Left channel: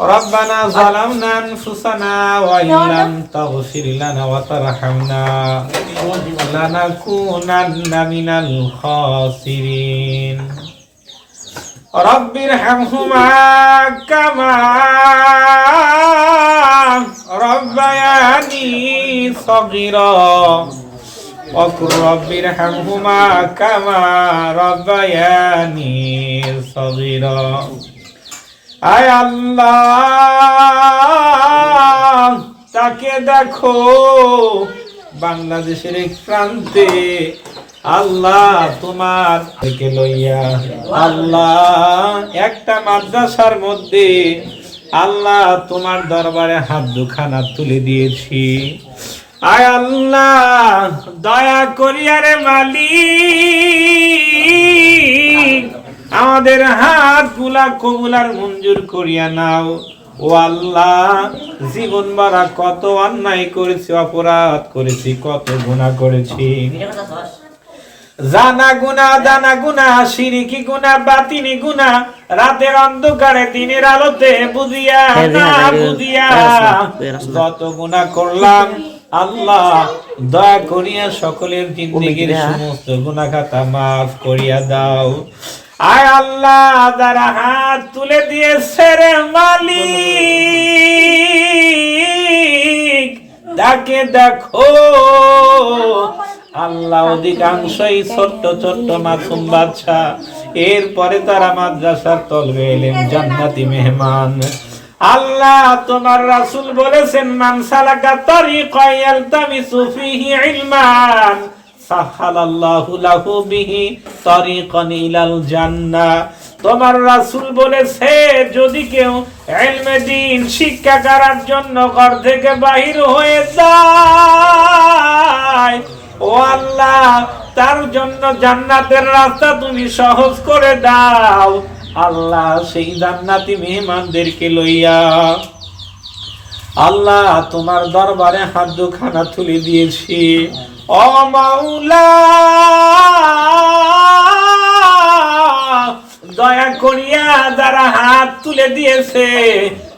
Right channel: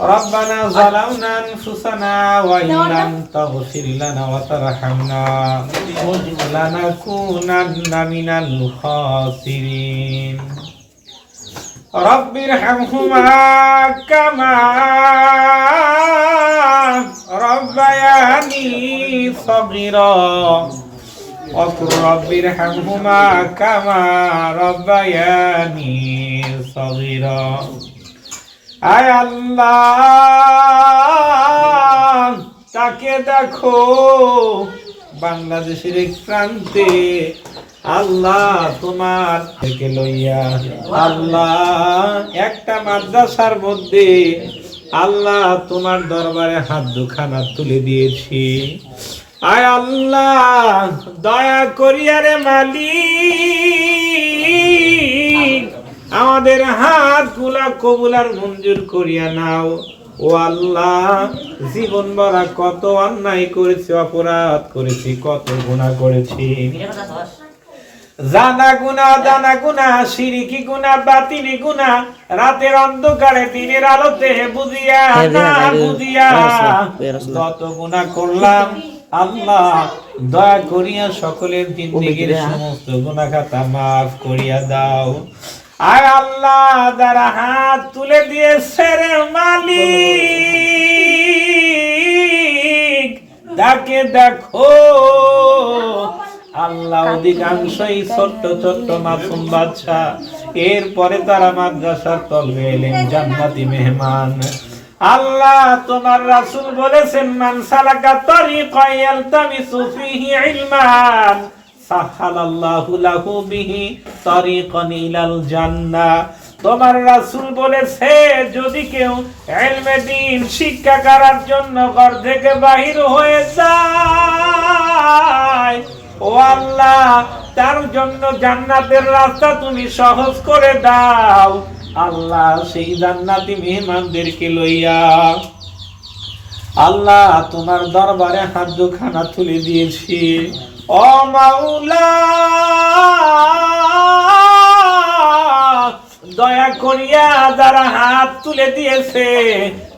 ربنا ظلمنا أنفسنا وإن لم تغفر لنا وترحمنا لنكونن من الخاسرين رب ارحمهما كما ربياني صغيرا وقل رب ارحمهما كما ربياني صغيرا আয় আল্লাহ, তাকে দেখো বাংলাদেশের এক প্রান্তে আল্লাহ তোমার থেকে লইয়া আল্লাহ একটা মাদ্রাসার মধ্যে আল্লাহ তোমার দরবারে হাত দুখানা তুলে দিয়েছি। আয় আল্লাহ, দয়া করিয়া রে মালিক আমাদের হাত গুলা কবুলার মঞ্জুর করিয়া নাও। ও আল্লাহ, জীবন ভরা কত অন্যায় করেছি, অপরাধ করেছি, কত গুনাহ করেছি, জানা গুনাহ, দানা গুনাহ, শিরকি গুনাহ, বাতিনি গুনাহ, রাতের অন্ধকারে দিনের আলোতে বুঝিয়া না বুঝিয়া যত গুনাহ করলাম আল্লাহ দয়া করিয়া সকলের জিন্দেগীর সমস্ত গুনাহ খাতা মাফ করিয়া দাও। আয় আল্লাহ, যারা হাত তুলে দিয়েছে রে মালিক তাকে দেখো আল্লাহ, অধিকাংশই ছোট্ট ছোট্ট মাসুম বাচ্চা, এরপরে তারা মাদ্রাসার তলবে এলেন জান্নাতি মেহমান। আল্লাহ, তোমার রাসূল বলেছেন মান সালাকা তরিকান ইয়ালতামিসু ফিহি ইলমান সাহালাল্লাহু লাহু বিহি তরিকান ইলাল জান্নাহ। তোমার রাসূল বলেছে যদি কেউ ইলমে দ্বীন শিক্ষা করার জন্য ঘর থেকে বাহির হয়ে যায়, ও আল্লাহ তার জন্য জান্নাতের রাস্তা তুমি সহজ করে দাও। আল্লাহ, সেই জান্নাতি মেহমানদেরকে লইয়া আল্লাহ তোমার দরবারে হাত দুখানা তুলে দিয়েছি। ও মাওলা, দয়া করিয়া যারা হাত তুলে দিয়েছে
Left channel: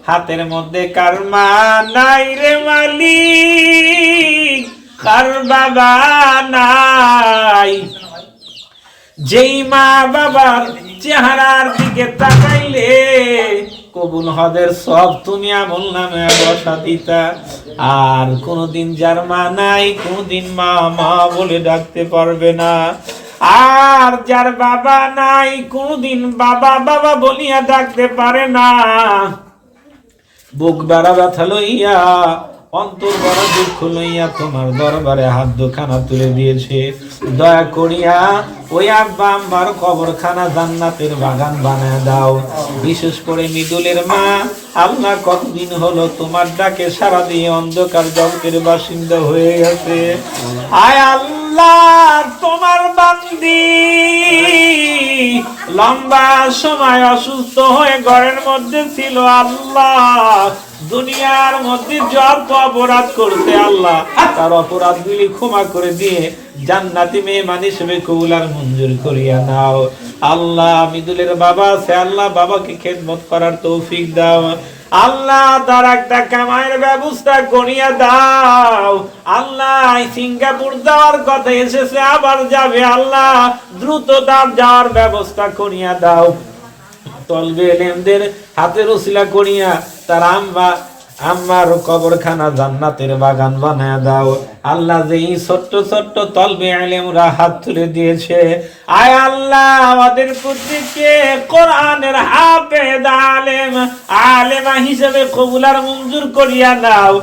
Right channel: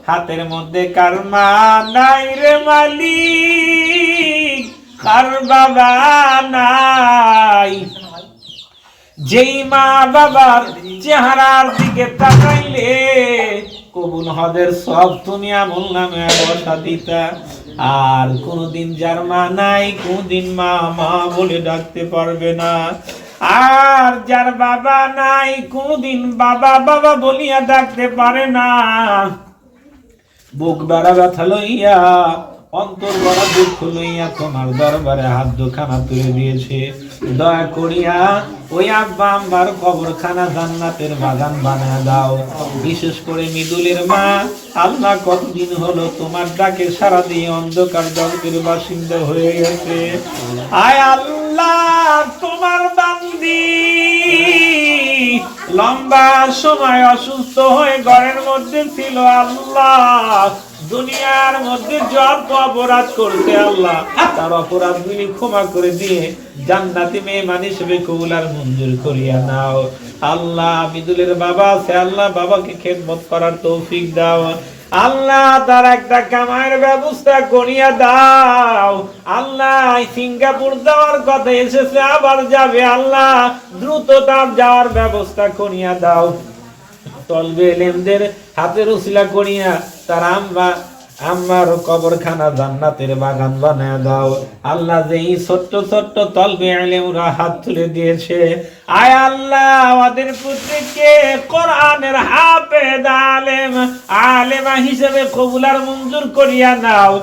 হাতের মধ্যে কার মা নাই রে মালিক, কার বাবা নাই, যেই মা বাবার চেহারার দিকে তাকাইলে কবুল হদের সব তুমি আমল নামে বসা দিতা, আর কোনদিন যার মা নাই কোনদিন মা মা বলে ডাকতে পারবে না, আর যার বাবা নাই কোনদিন বাবা বাবা বলিয়া ডাকতে পারে না, বুক বেড়া ব্যথা লইয়া অন্তর বড় দুঃখ লইয়া তোমার দরবারে হাত দুখানা তুলে দিয়েছে। দয়া করিয়া ওই আব্বা আম্বার কবরখানা জান্নাতের বাগান বানায় দাও। বিশেষ করে মৃদুলের মা আল্লাহ কতদিন হলো তোমার ডাকে সারা দিয়ে অন্ধকার জগতের বাসিন্দা হয়ে গেছে। আয় আল্লাহ, তোমার বান্দি লম্বা সময় অসুস্থ হয়ে ঘরের মধ্যে ছিল। আল্লাহ, দুনিয়ার মধ্যে যত অপরাধ করতে আল্লাহ তার অপরাধগুলি ক্ষমা করে দিয়ে জান্নাতি মেহমান হিসেবে কবুল আর মঞ্জুর করিয়া নাও। আল্লাহ, মৃদুলের বাবা আছে, আল্লাহ বাবাকে খেদমত করার তৌফিক দাও। আল্লাহ, তার একটা কামাইয়ের ব্যবস্থা করিয়া দাও। আল্লাহ, সিঙ্গাপুর যাওয়ার কথা এসেছে, আবার যাবে, আল্লাহ দ্রুত তার যাওয়ার ব্যবস্থা করিয়া দাও। তলবে এলেমদের হাতের উসিলা করিয়া তার আম্মার কবরখানা জান্নাতের বাগান বানায় দাও। আল্লাহ, যেই ছোট্ট ছোট্ট তলবে এলেমরা হাত তুলে দিয়েছে, আয় আল্লাহ আমাদের প্রত্যেককে কোরআনের হাফেজ আলেমা হিসেবে কবুল আর মঞ্জুর করিয়া নাও।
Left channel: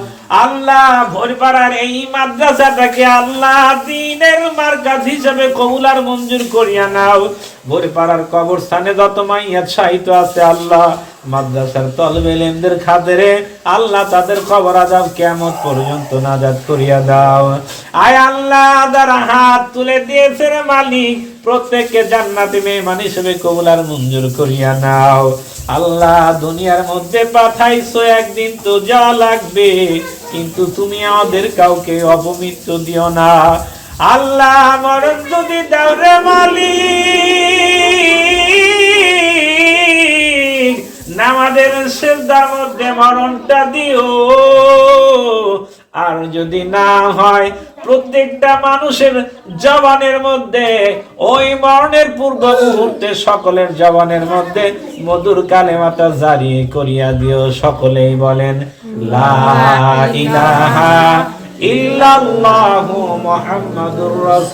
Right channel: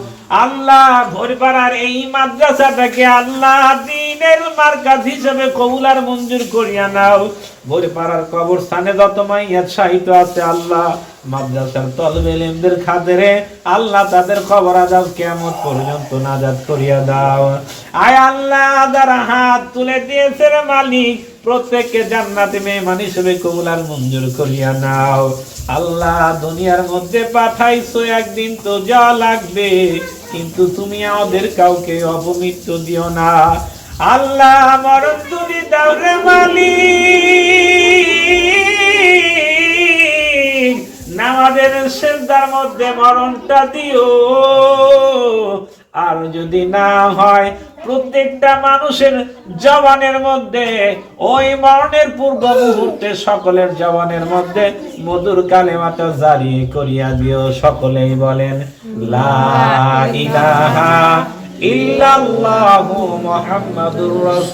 আল্লাহ, ভোরপাড়ার এই মাদ্রাসাটাকে আল্লাহ দ্বীনের মারকাজ হিসেবে কবুল আর মঞ্জুর করিয়া নাও। ভোরপাড়ার কবরস্থানে যত মাইয়াত শাহিত আছে আল্লাহ মাদ্রাসার তলবে ইলমদের খাতিরে আল্লাহ তাদের কবর আযাব কিয়ামত পর্যন্ত নাজাত করিয়া দাও। আয় আল্লাহ, যারা হাত তুলে দিয়েছে রে মালিক প্রত্যেককে জান্নাতি মেহমান হিসেবে কবুল আর মঞ্জুর করিয়া নাও। আল্লাহ, দুনিয়ার মধ্যে পাঠাইছো একদিন তো যা লাগবে, কিন্তু তুমি আমাদের কাউকে অপমৃত্যু দিও না। আল্লাহ, মরণ যদি দাও রে মালিক নামাজের সিজদার মধ্যে মরণটা দিও। আর যদি না হয় প্রত্যেকটা মানুষের জবানের মধ্যে ওই মরণের পূর্ব মুহূর্তে সকলের জবানের মধ্যে মধুর কালেমাটা জারি করিয়া দিও। সকলেই বলেন লা ইলাহা ইল্লাল্লাহু মুহাম্মাদুর রাসূলুল্লাহ।